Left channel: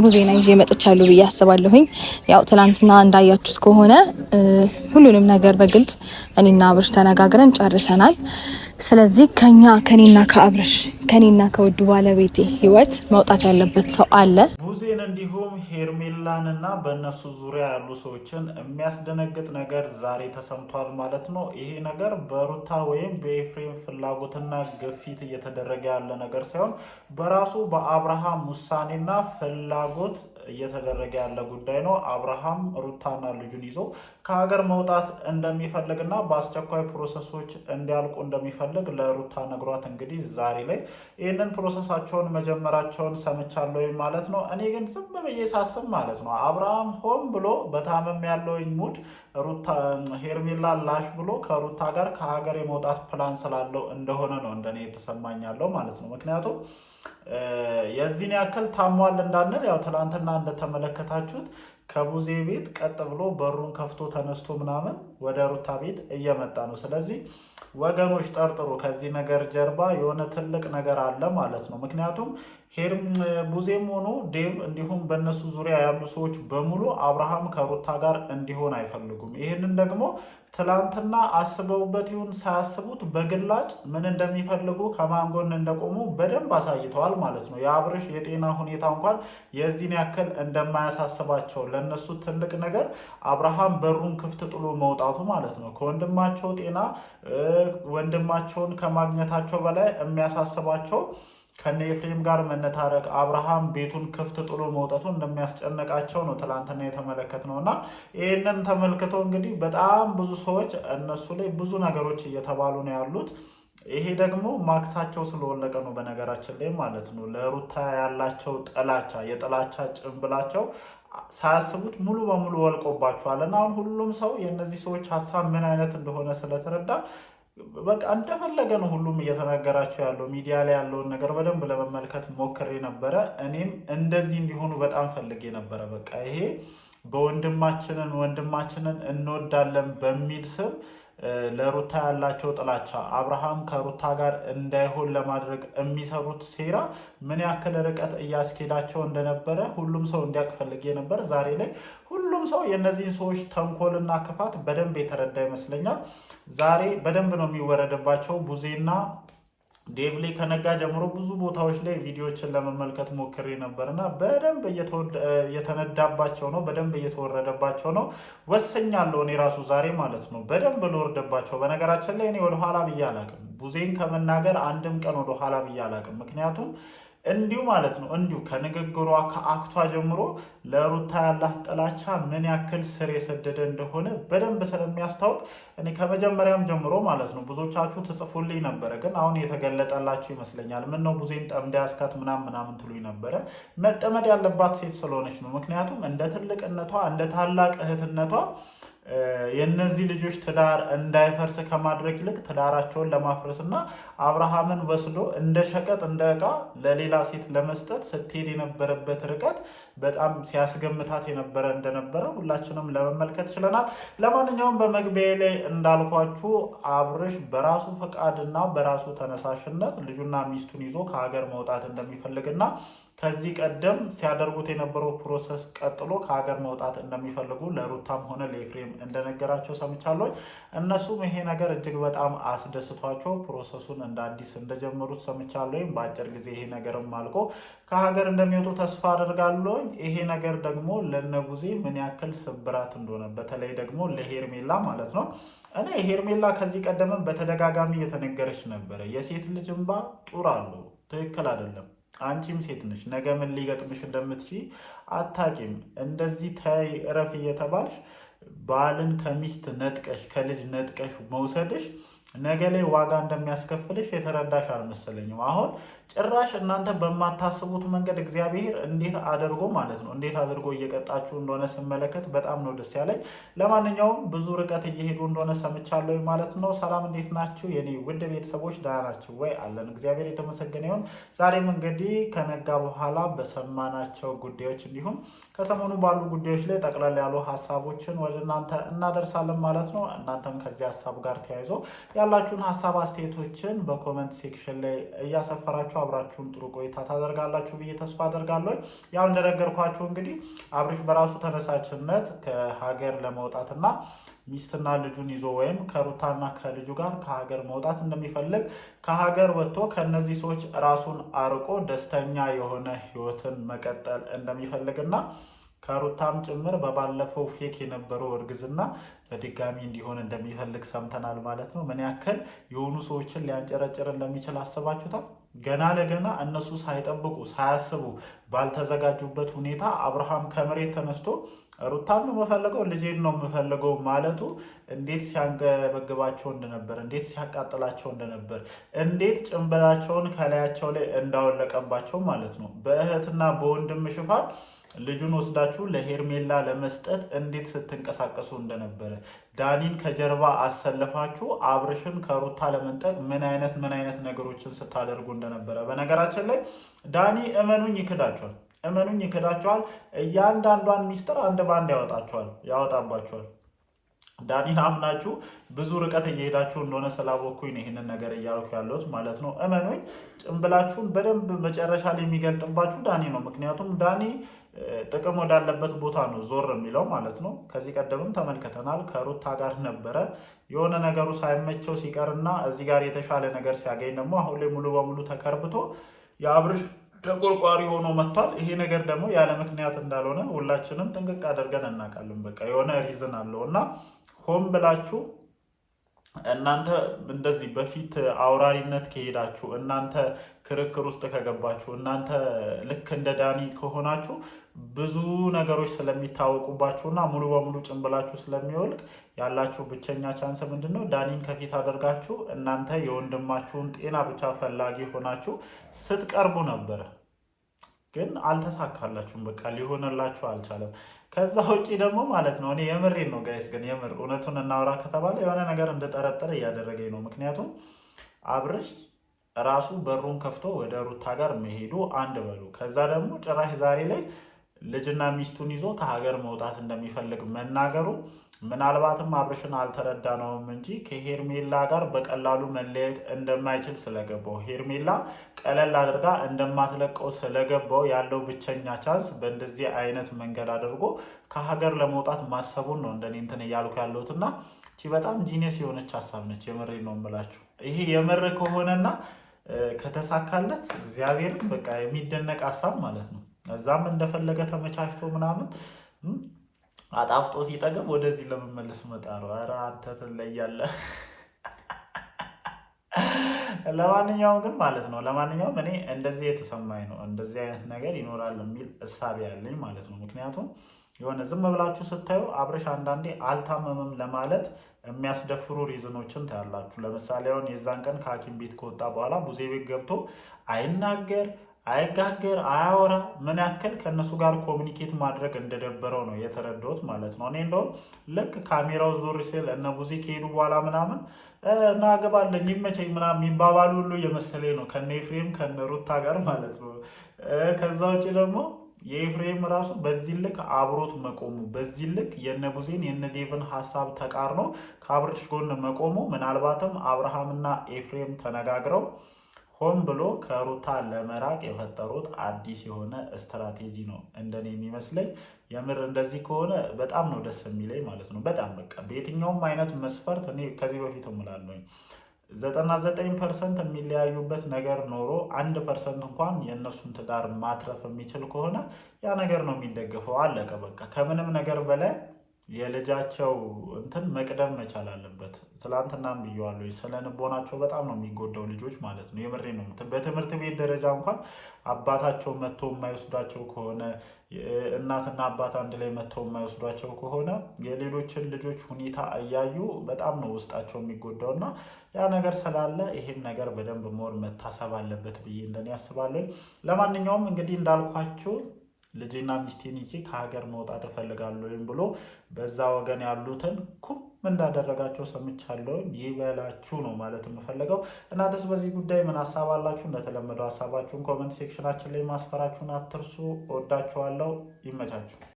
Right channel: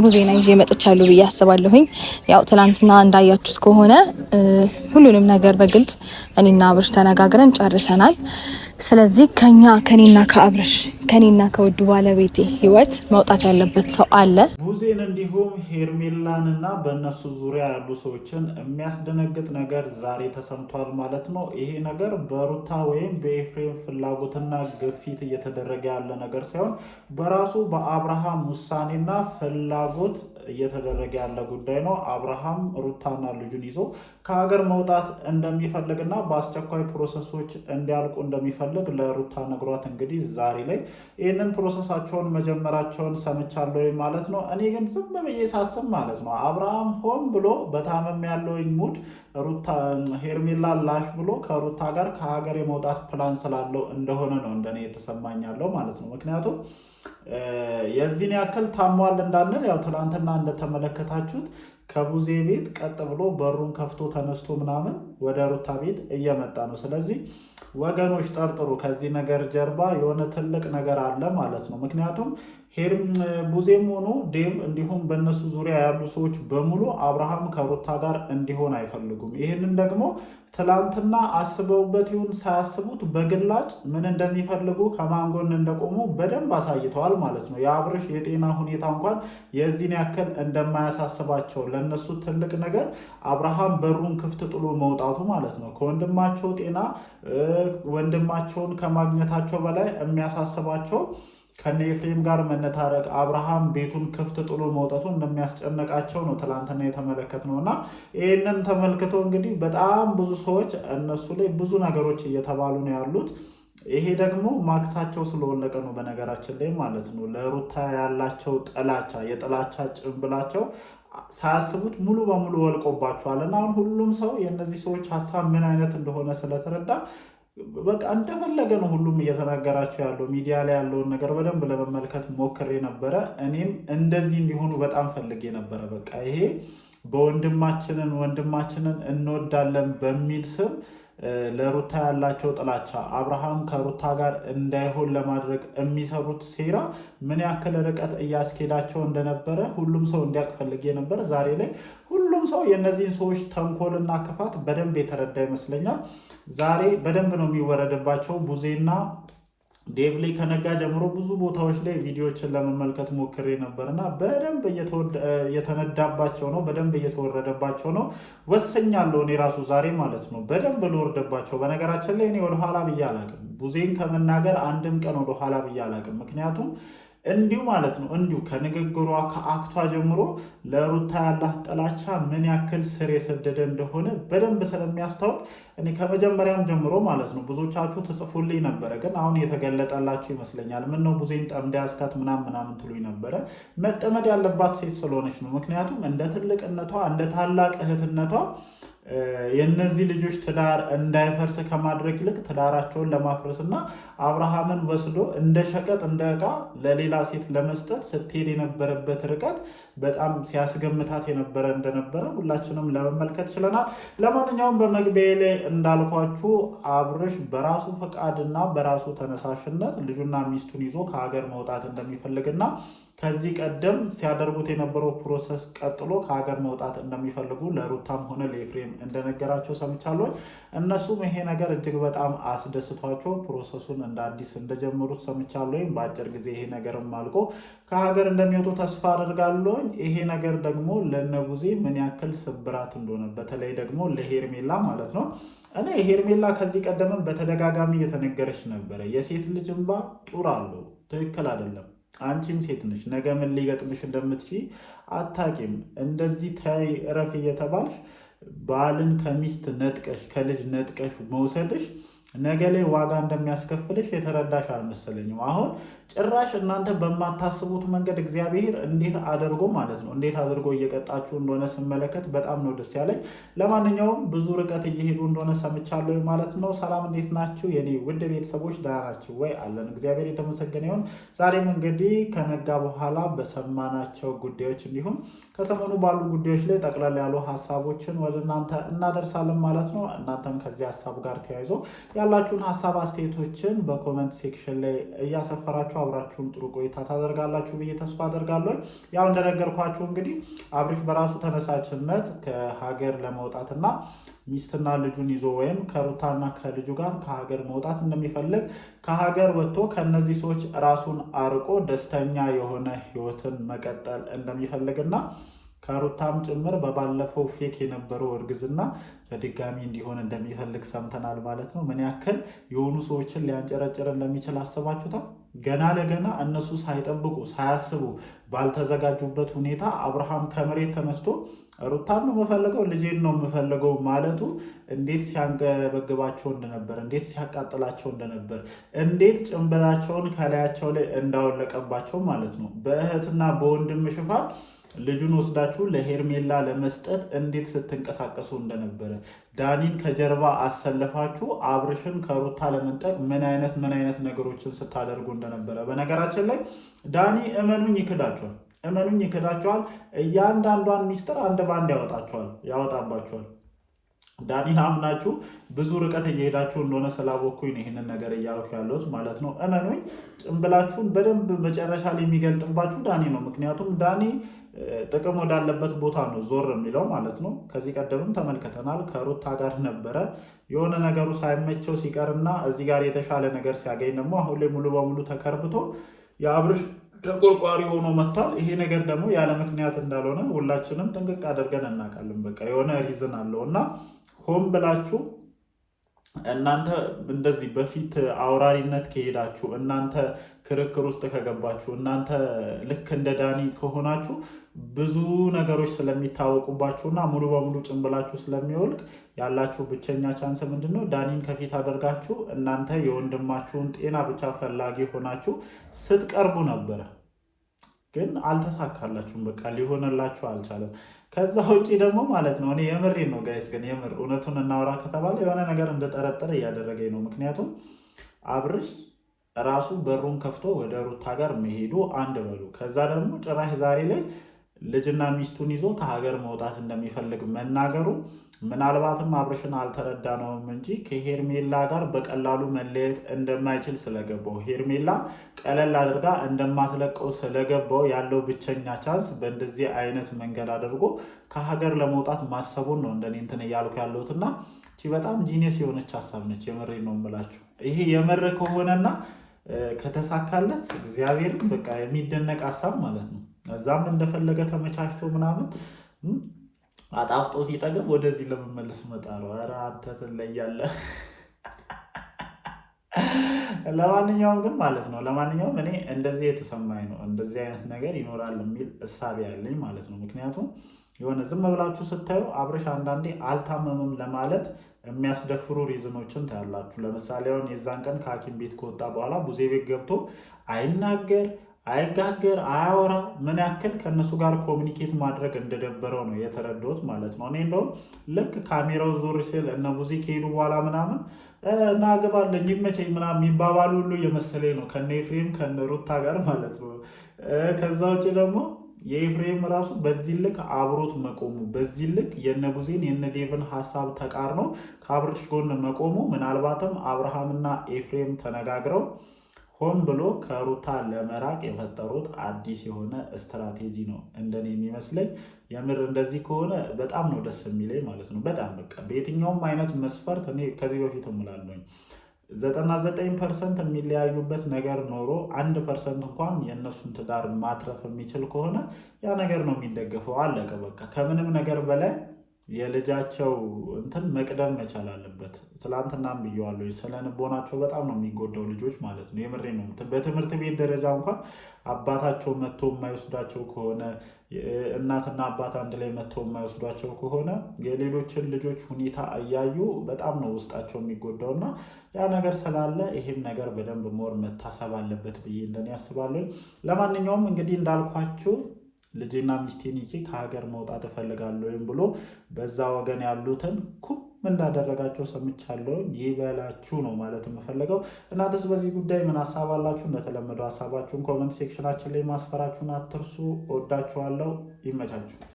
ጥሩ ዜና ይዤ መጥቻለሁ ብዬ አስባለሁኝ። ያው ትላንትና እንዳያችሁት ከሆነ ሁሉንም ነገር በግልጽ እኔና አብርሽ ተነጋግረን ጨርሰናል። ስለዚህ ከኔና ከአብርሽ ከኔና ከውዱ ባለቤቴ ህይወት መውጣት ያለበት ሰው አለ። ቡዜን እንዲሁም ሄርሜላንና በእነሱ ዙሪያ ያሉ ሰዎችን የሚያስደነግጥ ነገር ዛሬ ተሰምቷል ማለት ነው። ይሄ ነገር በሩታ ወይም በኤፍሬም ፍላጎትና ግፊት እየተደረገ ያለ ነገር ሳይሆን በራሱ በአብርሃም ውሳኔና ፍላጎት እየተደረገ ያለ ጉዳይ ነው። አብርሃም ሩታና ልጁን ይዞ ከሀገር መውጣት እንደሚፈልግና በአስቸኳይ ፕሮሰሶች እንዲያልቁ እንደሚፈልግ ለሩታ ነግሯት እንግዲህ ዛሬ ላይ ይህንን ፕሮሰሳቸውን መጀመራቸውን ሰምቻለሁ ማለት ነው። እኔ ግን ዝም ብዬ ሳስብ ማለት ነው አብርሃም ሆን ብሎ በታመም ያለውኝ ሙድ ሩታ ሄርሜላ ላሽ ብሎ ከሩታ ጋር ከሀገር የመውጣት ፕላን ስላለው እንደሆነ ነው እንደኔ የተሰማኛለው ማለት ነው። ምክንያቱም የዚህን ያክል ታሟል እንዳንል ያው ትላንትና እንደተመለከታችሁት ከቡዜ ቤት ቀጥ ብሎ በሩን ከፍቶ ተነስቶ ምናምን ወደ ሩታ ቤት እየመጣ ነው። ስለዚህ ወገኖች ጠርጥሩ፣ ከዚህ ነገር ጀርባ የሆነ ትልቅ ነገር አለ ማለት ነው። ምክንያቱም ቡዜም ሆኖ ዴቭ እንዲሁም በእነሱ ዙሪያ ያሉ ሰዎች በሙሉ አብርሃም ከሩታ ጋር እንዲሆን አይፈልጉም። ይህንን ደግሞ ትላንትና አስበውበት ይሁን ሳያስቡት በግላጭ ምን እንደሚፈልጉ ከማን ጎን እንደቆሙ በደንብ አሳይተዋል ማለት ነው። የአብርሽ የጤና ሁኔታ እንኳን የዚህን ያክል እንደማያሳስባቸው ለነሱ ትልቅ ነገር አብርሃም በሩን ክፍት ጥሎ መውጣቱ ማለት ነው። ከወንድማቸው ጤና ወንድማቸውን ከማግኘታቸው በላይ የሚያሳስባቸው ከነ ኤፍሬም ጋር መነታረቅ አብርሃም ቤቱን ክፍት ጥሎ መውጣቱ እንደሚያስጨነቃቸው ነው ትላንትና የተመለከትነው እና ይህንን ተመልክቶ እንግዲህ በጣም ብዙ ሰዎች እነሱ ላይ ብዙ ነገሮች እየተባሉ ነው ያሉት። ይሄ ደግሞ ማክሳቸው ስለወለቀ ነው በነገራችን ላይ ማለት ነው። ለሩታ ያላቸው ጥላቻ የጥላቻ ጭንብላቸው ሳያስቡት ሙሉ በሙሉ ወልቆባቸዋል እና አሁን ሁሉም ሰው የእነዚህ ሰዎች ሀሳብ ምን አይነት እንደሆነ ስለተረዳ በቃ እንደፈለገ ነው ሁሉም እየተናገራቸው ያለው። ሚዲያ ላይ ያለውን ነገር በደንብ ለመመልከት ሞክሬ ነበረ። እኔም እንደዚህ እንዲሆኑ በጣም ፈልጌ ነበረ። በቃ ይሄ ወንድማችንን እንወዳለን በሚል ስም ለሩታ ያላቸው ጥላቻ አብርሃም ከሩታ ጋር እንዳይሆን ለማድረግ የሚሰሩት ሴራ ምን ያክል ርቀት እያስኬዳቸው እንደነበረ ሁሉም ሰው እንዲያውቅ ፈልጌ ነበር። ዛሬ ላይ ሁሉም ሰው የእነዚህን ሰዎች ተንኮልና ክፋት በደንብ የተረዳ ይመስለኛል። ዛሬ በደንብ ነው የሚወረድባቸው። ቡዜና ዴቭ ላይ ከነጋ ጀምሮ ብዙ ቦታዎች ላይ ቪዲዮዎችን ለመመልከት ሞክሬ ነበርና በደንብ እየተነዳባቸው ነው፣ በደንብ እየተወረደባቸው ነው። ወሰኛለሁ እኔ ራሱ ዛሬ ማለት ነው በደንብ ልወርድባቸው። በነገራችን ላይ እኔ ወደኋላ ብዬ አላቅም፣ ቡዜን ከመናገር አንድም ቀን ወደኋላ ብዬ አላቅም። ምክንያቱም እንዲሁ ማለት ነው እንዲሁ ከንግግሯ ከአክቷ ጀምሮ ለሩታ ያላት ጥላቻ ምን ያክል ስር የሰደደ እንደሆነ በደንብ ስለሚያስታውቅ እኔ ከመጀመሪያም ጀምሮ ማለት ነው ብዙዎቻችሁ ትጽፉልኝ ነበረ፣ ግን አሁን የተገለጠላችሁ ይመስለኛል። ምን ነው ቡዜን ጠምዳ ያስካት ምናምን ትሉኝ ነበረ። መጠመድ ያለባት ሴት ስለሆነች ነው። ምክንያቱም እንደ ትልቅነቷ እንደ ታላቅ እህትነቷ የነዚህ ልጆች ትዳር እንዳይፈርስ ከማድረግ ይልቅ ትዳራቸውን ለማፍረስ እና አብርሃምን ወስዶ እንደ ሸቀጥ እንደ ዕቃ ለሌላ ሴት ለመስጠት ስትሄድ የነበረበት ርቀት በጣም ሲያስገምታት የነበረ እንደነበረ ሁላችንም ለመመልከት ችለናል። ለማንኛውም በመግቢያ ላይ እንዳልኳችሁ አብርሽ በራሱ ፈቃድና በራሱ ተነሳሽነት ልጁና ሚስቱን ይዞ ከሀገር መውጣት እንደሚፈልግና ከዚህ ቀደም ሲያደርጉት የነበረው ፕሮሰስ ቀጥሎ ከሀገር መውጣት እንደሚፈልጉ ለሩታም ሆነ ለኤፍሬም እንደነገራቸው ሰምቻለሁ። እነሱም ይሄ ነገር እጅግ በጣም አስደስቷቸው ፕሮሰሱን እንደ አዲስ እንደጀመሩት ሰምቻለሁ። በአጭር ጊዜ ይሄ ነገርም አልቆ ከሀገር እንደሚወጡ ተስፋ አደርጋለሁ። ይሄ ነገር ደግሞ ለነቡዜ ምን ያክል ስብራት እንደሆነ በተለይ ደግሞ ለሄርሜላ ማለት ነው። እኔ ሄርሜላ ከዚህ ቀደምም በተደጋጋሚ እየተነገረች ነበረ፣ የሴት ልጅ እንባ ጡር አለው፣ ትክክል አይደለም። አንቺም ሴት ነሽ፣ ነገ ምን ሊገጥምሽ እንደምትችይ አታቂም። እንደዚህ ተይ እረፍ እየተባልሽ ባልን ከሚስት ነጥቀሽ ከልጅ ነጥቀሽ መውሰድሽ ነገ ላይ ዋጋ እንደሚያስከፍልሽ የተረዳሽ አልመሰለኝም። አሁን ጭራሽ እናንተ በማታስቡት መንገድ እግዚአብሔር እንዴት አድርጎ ማለት ነው እንዴት አድርጎ እየቀጣችሁ እንደሆነ ስመለከት በጣም ነው ደስ ያለኝ። ለማንኛውም ብዙ ርቀት እየሄዱ እንደሆነ ሰምቻለሁ ማለት ነው። ሰላም እንዴት ናችሁ የኔ ውድ ቤተሰቦች? ደህና ናችሁ ወይ? አለን እግዚአብሔር የተመሰገነ ይሁን። ዛሬም እንግዲህ ከነጋ በኋላ በሰማናቸው ጉዳዮች እንዲሁም ከሰሞኑ ባሉ ጉዳዮች ላይ ጠቅላላ ያሉ ሀሳቦችን ወደ እናንተ እናደርሳለን ማለት ነው። እናንተም ከዚህ ሀሳብ ጋር ተያይዞ ያላችሁን ሀሳብ አስተያየቶችን በኮመንት ሴክሽን ላይ እያሰፈራችሁ አብራችሁን ጥሩ ቆይታ ታደርጋላችሁ ብዬ ተስፋ አደርጋለሁ። ያው እንደነገርኳችሁ እንግዲህ አብርሽ በራሱ ተነሳሽነት ከሀገር ለመውጣትና ሚስትና ልጁን ይዞ ወይም ከሩታና ከልጁ ጋር ከሀገር መውጣት እንደሚፈልግ ከሀገር ወጥቶ ከነዚህ ሰዎች ራሱን አርቆ ደስተኛ የሆነ ህይወትን መቀጠል እንደሚፈልግና ከሩታም ጭምር በባለፈው ፌክ የነበረው እርግዝና በድጋሚ እንዲሆን እንደሚፈልግ ሰምተናል ማለት ነው። ምን ያክል የሆኑ ሰዎችን ሊያንጨረጭር እንደሚችል አስባችሁታል? ገና ለገና እነሱ ሳይጠብቁ ሳያስቡ ባልተዘጋጁበት ሁኔታ አብርሃም ከመሬት ተነስቶ ሩታን ነው የምፈልገው ልጄን ነው የምፈልገው ማለቱ እንዴት ሲያንገበግባቸው እንደነበር፣ እንዴት ሲያቃጥላቸው እንደነበር፣ እንዴት ጭንብላቸውን ከላያቸው ላይ እንዳወለቀባቸው ማለት ነው። በእህትና በወንድም ሽፋን ልጁን ወስዳችሁ ለሄርሜላ ለመስጠት እንዴት ስትንቀሳቀሱ እንደነበረ፣ ዳኒን ከጀርባ አሰለፋችሁ አብርሽን ከሩታ ለመንጠቅ ምን አይነት ነገሮችን ስታደርጉ እንደነበረ። በነገራችን ላይ ዳኒ እመኑኝ ይክዳቸዋል። እያንዳንዷን ሚስጥር አንድ ባንድ ያወጣባቸዋል። ዳኒን አምናችሁ ብዙ ርቀት እየሄዳችሁ እንደሆነ ስላወኩኝ ነው ይህንን ነገር እያልኩ ያለሁት ማለት ነው። እመኑኝ ጭንብላችሁን በደንብ መጨረሻ ላይ የሚገልጥባችሁ ዳኒ ነው። ምክንያቱም ዳኒ ጥቅም ወዳለበት ቦታ ነው ዞር የሚለው ማለት ነው። ከዚህ ቀደምም ተመልክተናል። ከሩታ ጋር ነበረ የሆነ ነገሩ ሳይመቸው ሲቀርና እዚህ ጋር የተሻለ ነገር ሲያገኝ ደግሞ አሁን ላይ ሙሉ በሙሉ ተከርብቶ የአብርሽ ተቆርቋሪ ሆኖ መጥቷል። ይሄ ነገር ደግሞ ያለ ምክንያት እንዳልሆነ ሁላችንም ጥንቅቅ አድርገን እናውቃለን። በቃ የሆነ ሪዝን አለው እና ሆን ብላችሁ እናንተ እንደዚህ በፊት አውራሪነት ከሄዳችሁ፣ እናንተ ክርክር ውስጥ ከገባችሁ፣ እናንተ ልክ እንደ ዳኒ ከሆናችሁ ብዙ ነገሮች ስለሚታወቁባችሁና ሙሉ በሙሉ ጭንብላችሁ ስለሚወልቅ ያላችሁ ብቸኛ ቻንስ ምንድን ነው? ዳኒን ከፊት አድርጋችሁ እናንተ የወንድማችሁን ጤና ብቻ ፈላጊ ሆናችሁ ስትቀርቡ ነበረ። ግን አልተሳካላችሁም። በቃ ሊሆንላችሁ አልቻለም። ከዛ ውጪ ደግሞ ማለት ነው እኔ የምሬን ነው ጋይስ፣ ግን የምር እውነቱን እናውራ ከተባለ የሆነ ነገር እንደጠረጠረ እያደረገኝ ነው። ምክንያቱም አብርሽ ራሱ በሩን ከፍቶ ወደ ሩታ ጋር መሄዱ አንድ በሉ፣ ከዛ ደግሞ ጭራሽ ዛሬ ላይ ልጅና ሚስቱን ይዞ ከሀገር መውጣት እንደሚፈልግ መናገሩ ምናልባትም አብርሽን አልተረዳነውም እንጂ ከሄርሜላ ጋር በቀላሉ መለየት እንደማይችል ስለገባው፣ ሄርሜላ ቀለል አድርጋ እንደማትለቀው ስለገባው ያለው ብቸኛ ቻንስ በእንደዚህ አይነት መንገድ አድርጎ ከሀገር ለመውጣት ማሰቡን ነው እንደኔ እንትን እያልኩ ያለሁትና በጣም ጂኒየስ የሆነች ሀሳብ ነች። የምሬ ነው የምላችሁ። ይሄ የምር ከሆነና ከተሳካለት እግዚአብሔርን በቃ የሚደነቅ ሀሳብ ማለት ነው። እዛም እንደፈለገ ተመቻችቶ ምናምን አጣፍጦ ሲጠገብ ወደዚህ ለመመለስ መጣ ነው። ኧረ አንተ ትለያለህ። ለማንኛውም ግን ማለት ነው እኔ እንደዚህ የተሰማኝ ነው፣ እንደዚህ አይነት ነገር ይኖራል የሚል እሳቤ ያለኝ ማለት ነው። ምክንያቱም የሆነ ዝም ብላችሁ ስታዩ አብርሽ አንዳንዴ አልታመምም ለማለት የሚያስደፍሩ ሪዝኖችን ታያላችሁ። ለምሳሌ አሁን የዛን ቀን ከሐኪም ቤት ከወጣ በኋላ ቡዜ ቤት ገብቶ አይናገር አይጋገር አያወራ፣ ምን ያክል ከእነሱ ጋር ኮሚኒኬት ማድረግ እንደደበረው ነው የተረዳሁት ማለት ነው። እኔ እንደውም ልክ ካሜራው ዞር ሲል እነ ቡዜ ከሄዱ በኋላ ምናምን እናገባለን ይመቸኝ ምናምን የሚባባሉ ሁሉ የመሰለኝ ነው ከነ ኤፍሬም ከነ ሩታ ጋር ማለት ነው። ከዛ ውጭ ደግሞ የኤፍሬም ራሱ በዚህ ልክ አብሮት መቆሙ፣ በዚህ ልክ የነ ቡዜን የነ ዴቭን ሀሳብ ተቃርኖ ከአብርሽ ጎን መቆሙ ምናልባትም አብርሃምና ኤፍሬም ተነጋግረው ሆን ብሎ ከሩታ ለመራቅ የፈጠሩት አዲስ የሆነ ስትራቴጂ ነው እንደኔ የሚመስለኝ። የምር እንደዚህ ከሆነ በጣም ነው ደስ የሚለኝ ማለት ነው። በጣም በቃ በየትኛውም አይነት መስፈርት እኔ ከዚህ በፊት እምላለሁኝ 99% የሚለያዩበት ነገር ኖሮ 1% እንኳን የእነሱን ትዳር ማትረፍ የሚችል ከሆነ ያ ነገር ነው የሚደገፈው። አለቀ በቃ። ከምንም ነገር በላይ የልጃቸው እንትን መቅደም መቻል አለበት። ትላንትናም ብየዋለሁ፣ ስለ ንቦናቸው በጣም ነው የሚጎዳው ልጆች ማለት ነው። የምሬ ነው። በትምህርት ቤት ደረጃ እንኳን አባታቸው መጥቶ የማይወስዷቸው ከሆነ፣ እናትና አባት አንድ ላይ መጥቶ የማይወስዷቸው ከሆነ የሌሎችን ልጆች ሁኔታ እያዩ በጣም ነው ውስጣቸው የሚጎዳው እና ያ ነገር ስላለ ይሄን ነገር በደንብ ሞር መታሰብ አለበት ብዬ እንደኔ ያስባለሁ። ለማንኛውም እንግዲህ እንዳልኳችሁ ልጄና ሚስቴን ይዤ ከሀገር መውጣት እፈልጋለሁ ወይም ብሎ በዛ ወገን ያሉትን ኩም እንዳደረጋቸው ሰምቻለሁ። ይበላችሁ ነው ማለት የምፈልገው። እናንተስ በዚህ ጉዳይ ምን ሀሳብ አላችሁ? እንደተለመደው ሀሳባችሁን ኮመንት ሴክሽናችን ላይ ማስፈራችሁን አትርሱ። ወዳችኋለሁ። ይመቻችሁ።